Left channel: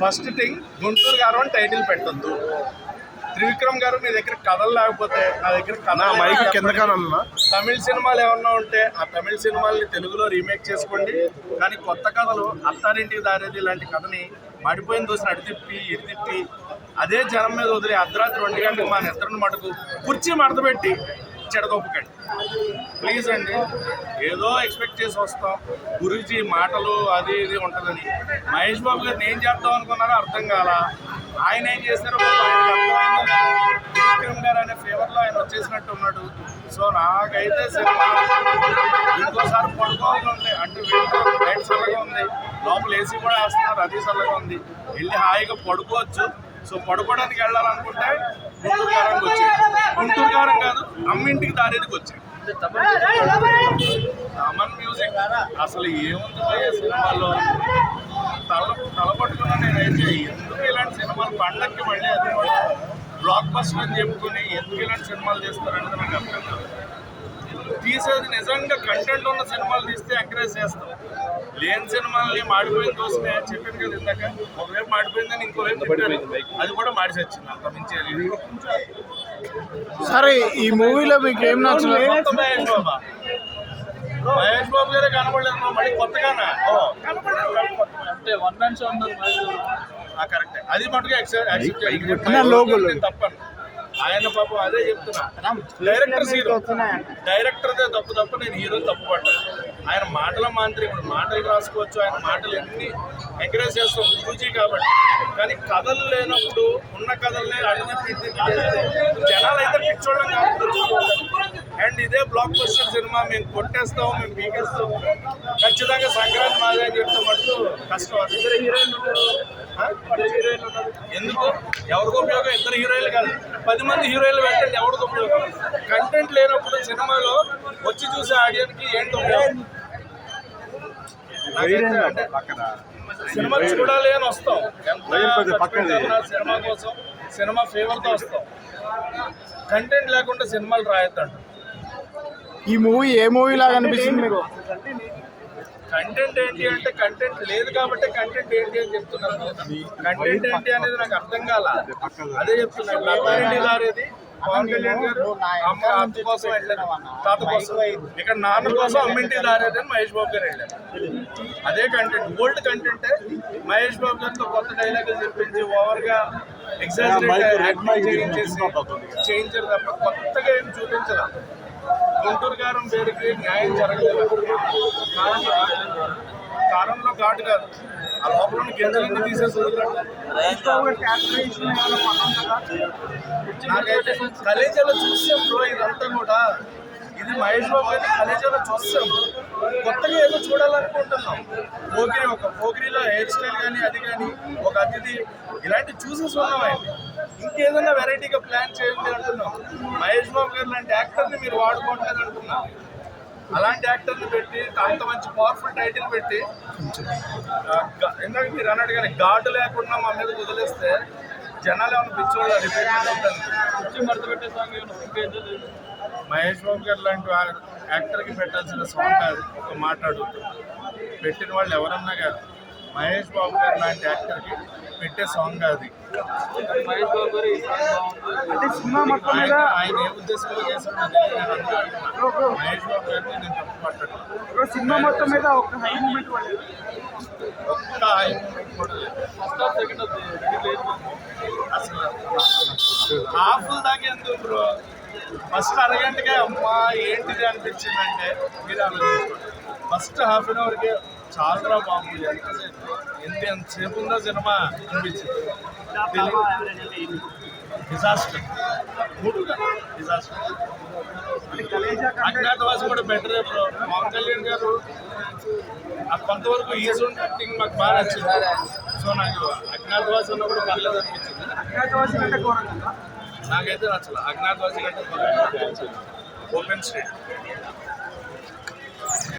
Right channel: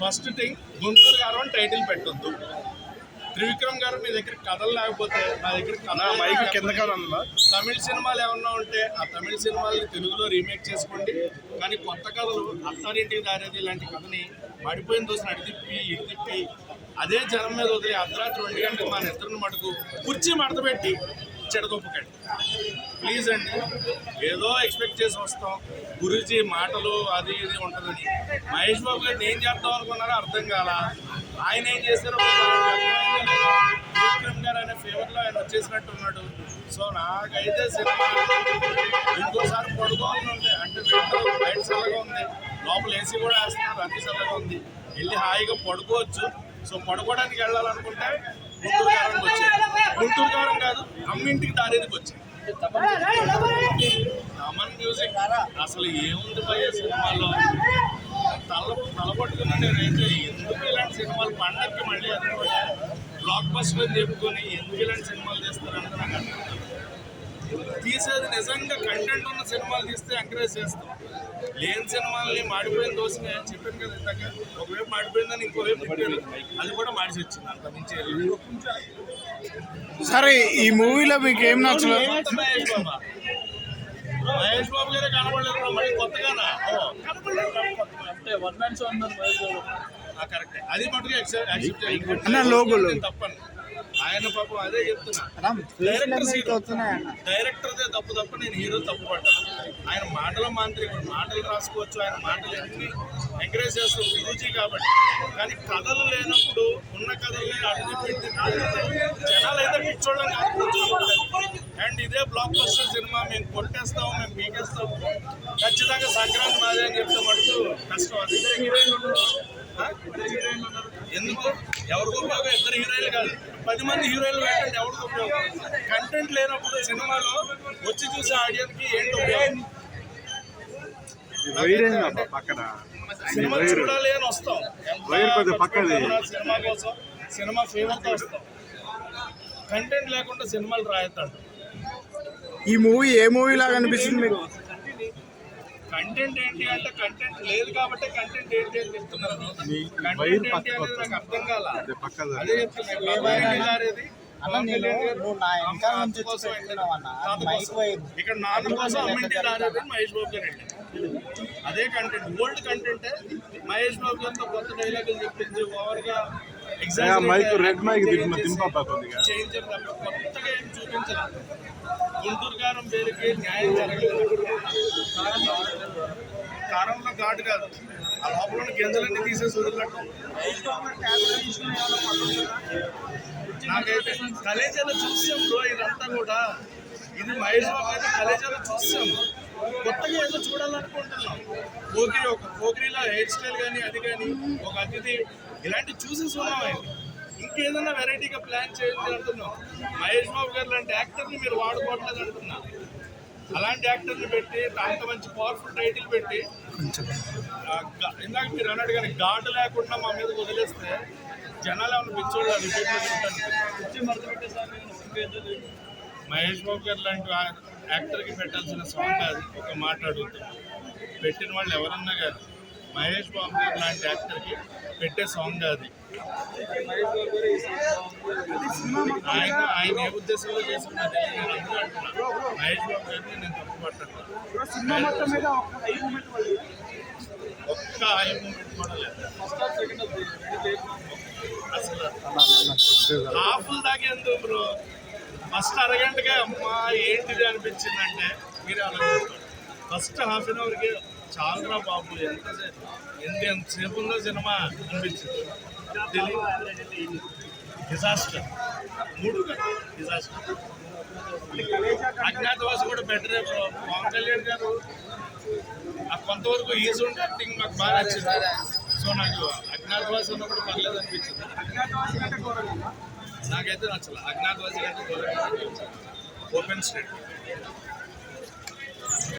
First thing Guntur గారు అని title పెట్టొద్దు. త్రివిక్రమ్ గారు మీ దగ్గర కథలు లేకపోతే నా దగ్గర తమిళ సినిమాలు ఏమన్నా ఉంటే ఆ తమిళ సినిమాల్ని తెలుగులో రీమేక్ చేసుకోండి. కానీ కొత్త కథలు అత్తారింటికి దారేది ఇలాంటి కథని మడిపోయిన దోసిన అడితిప్పి ఇడితిప్పి అదే జనం మీద వదిలి అర్ధరాత్రి 2 గంటలకు మా నిద్రను మటుకు కుర్చీ మడత పెట్టి చెడగొప్పకండి ప్లీజ్ అండి. ఏదో ఎక్స్పెక్ట్ చేసి వస్తాం, గురూజీ మాటలు అది ఇది ఉంటుందని. మహేష్ బాబు గారిని ఏం చేద్దాం అనుకున్నారో అర్థం కాల. ఆయన ఏం చేశారో విక్రమ్ గారు అనే ఫేవర్లో ఆయన వచ్చేసినట్టు ఉన్నాడు. సో నాకైతే సినిమా ఇంకోసారి పడుకోవాలని ఉంటాయి. అంటే బయట చల్లగా ఉంది, లోపల ఏసీ కూడా వేస్తున్నారు, అది చల్లగా ఉంది, వెళ్ళి హాయిగా పడుకోవచ్చు. సో పడుకోవడానికి వెళ్ళాలనుకుంటే గుంటూరు కారంకి వచ్చాయి. గుంటూరు కారం కాదు, అమ్మింటికి దారేదికి వచ్చాయి. అమన్ మ్యూజిక్ అసలు ఏముంది భయ్య సినిమాలో. తలపట్టుకున్నా నేనైతే ఎందుకు ఇలాంటి సినిమాలు పండక్కి మళ్ళీ అది కూడా బ్లాక్ బస్టర్ అని చెప్పుకొని ఎందుకు ఇలాంటి సినిమాలు తీస్తారనేది నాకు అర్థం కాదు. తీసేది నిజంగా కంటెంట్ ఉన్న సినిమాలు తీస్తే ఎంకరేజ్ చేస్తాం. లేని సినిమాలని మాడిపోయిన దోసనే చెప్పాను కదా ఇందాక, ఒకవైపు మాడిపోయిందని ఇంకోవైపు పెట్టారు, అది కూడా మాడిసి వచ్చింది. అంత మించి సరే ఈ మూవీలో మీకు ఏం నచ్చింది? మహేష్ బాబు గారే కనపడలేదు, మళ్ళీ కొత్తగానా కరెక్ట్. అది మటుగా తప్పను. ఆయన పాపం అదే చెప్తున్నా, డైరెక్టర్దే తప్పు నేను హీరో తప్పు పడ్డాను. ఆయన మాటల మాంత్రికుడు, మాటలు రాసుకోవచ్చు, ఆయన మాటలు ఎన్ని ఎంకరేజ్ చేస్తాం గురూజీ కాబట్టి. కానీ కథలు లేనప్పుడు ఉన్న కథల్ని అడుగు జనాలు అయితే పిచ్చోళ్ళం కాదు. అండ్ ఇదే బ్లాక్ బస్టర్ సినిమా మేము కొట్టేస్తాం, మేము పీకేస్తాం, ఖచ్చితంగా సంక్రాంతి మాదే అని చెప్తే మటుకు కష్టం. ఎందుకు ఎవరికి ఉపయోగం? 2 హీరోయిన్లు కాదు, 10 మంది హీరోయిన్లు పెట్టండి, ఎవరికి ఉపయోగం? కంటెంట్ లేనప్పుడు సినిమాలో వచ్చి చూసే ఆడియన్స్కి ఏంటి ఉపయోగం? సినిమా చూడాలి అని వస్తాం, ఎంత సినిమా కోసం, సినిమా ఫేవర్తో వస్తాం. కంటెంట్ లేకుండా సినిమాలు రాయొద్దంట. ఈ మూవీ ఏ మూవీ లాగా అనిపిస్తుంది మీకు? కంటెంట్ ఏంటి అంటే కంటెంట్ లేదు కాబట్టి కంటెంట్ ఏంటి అని చెప్తున్నాను. కంటెంట్ ఏంటి అనేది నాకు అర్థం కాల, అదే చెప్తున్నాను. అత్తారింటికి దారేది పవన్ కళ్యాణ్ గారు అమ్మ అత్త కోసం వెళ్ళారు, తాత కోసం. ఇక్కడ నాన్న కోసం అమ్మింటికి దారేది అని మహేష్ బాబు గారు వెళ్ళారు. అదే కంటెంట్, ఓల్డ్ కంటెంటే. మహేష్ బాబు గారితో కొత్త డైలాగులు చెప్పించి ఓవర్గా ఎగ్జాజరేట్ యాక్టింగ్ చేయించారు తప్ప కొత్తగా ఏం చూపించదు. గుంటూరు కారం పేరుకి న్యాయం జరగలేదు. కారంలో ఘాటు కాదు, ఆ లోపల గింజలన్నీ తీసేసి వదిలినట్టు. నాకైతే కలేజాలో చూసాం బ్రో, ఇదంతా కూడా ఇది మహేష్ బాబు అయితే కలేజాలో చూసాం. కొత్తగా ఏదో చూడాలనుకుంటున్నాం. పోకిరిలో హెయిర్ స్టైల్ కానీ అది కానీ ఒక అతిథి ఇలాంటివి చూసేసి ఉన్నాం. ఆయన ఇంకేదన్నా వెరైటీగా ప్లాన్ చేయండి అంటున్నాం. మహేష్ బాబు గారు లాంటి యాక్టర్ని మీరు వాడుకోవట్లేదు అంటున్నాం. అలాంటి యాక్టర్ని పెట్టి అంత మంచి పవర్ఫుల్ టైటిల్ పెట్టి ఇందాక మీరు అన్నట్టు కానీ ఘాటు లేకుండా మా మీద వదిలేస్తే జనాలు ఏమైనా పిచ్చోళ్ళు రిపీట్ పెట్టే సాంగ్. మహేష్ బాబు గారు లాంటి యాక్టర్కి పెట్టాల్సిన సాంగ్ కాదు. ఒక మాట్లాడుతున్నా, పెట్టిన వాళ్ళు ఎవరన్నా కాదు, మహేష్ బాబు గారు లాంటి యాక్టర్కి పెట్టే సాంగ్ అది. ఆయన ఏ ఉద్దేశంలో చేశాను మహేష్ బాబు గారిని నేను తప్పు పట్టను. సినిమా మొత్తం మీద ఒక్క హై మూమెంట్ కూడా లేదు. అసలు హాఫ్ దాకా ఎందుకు బ్రో? ఫస్ట్ అరగంటగా అమ్మా ఏంటిది అనిపించిందంటే మీరు ఆలోచించుకోండి. ఫస్ట్ హాఫ్ అన్ అవర్కే చాలా బాబు ఎంతసేపు ఉందో సినిమా అనిపించింది. Disaster, 3 disaster. అజ్ఞాతవాసి కూడా బెటరే బ్రో. పవన్ కళ్యాణ్ గారు కొంతవరకు ఈజీ యాక్టింగ్ మాకు బాగా నచ్చింది. సో నాకు అజ్ఞాతవాసి అన్నప్పుడు పర్లేదు అనిపించింది. నాకైతే నచ్చలేదు. అజ్ఞాతవాసి కంటే ఓపెన్ స్టేట్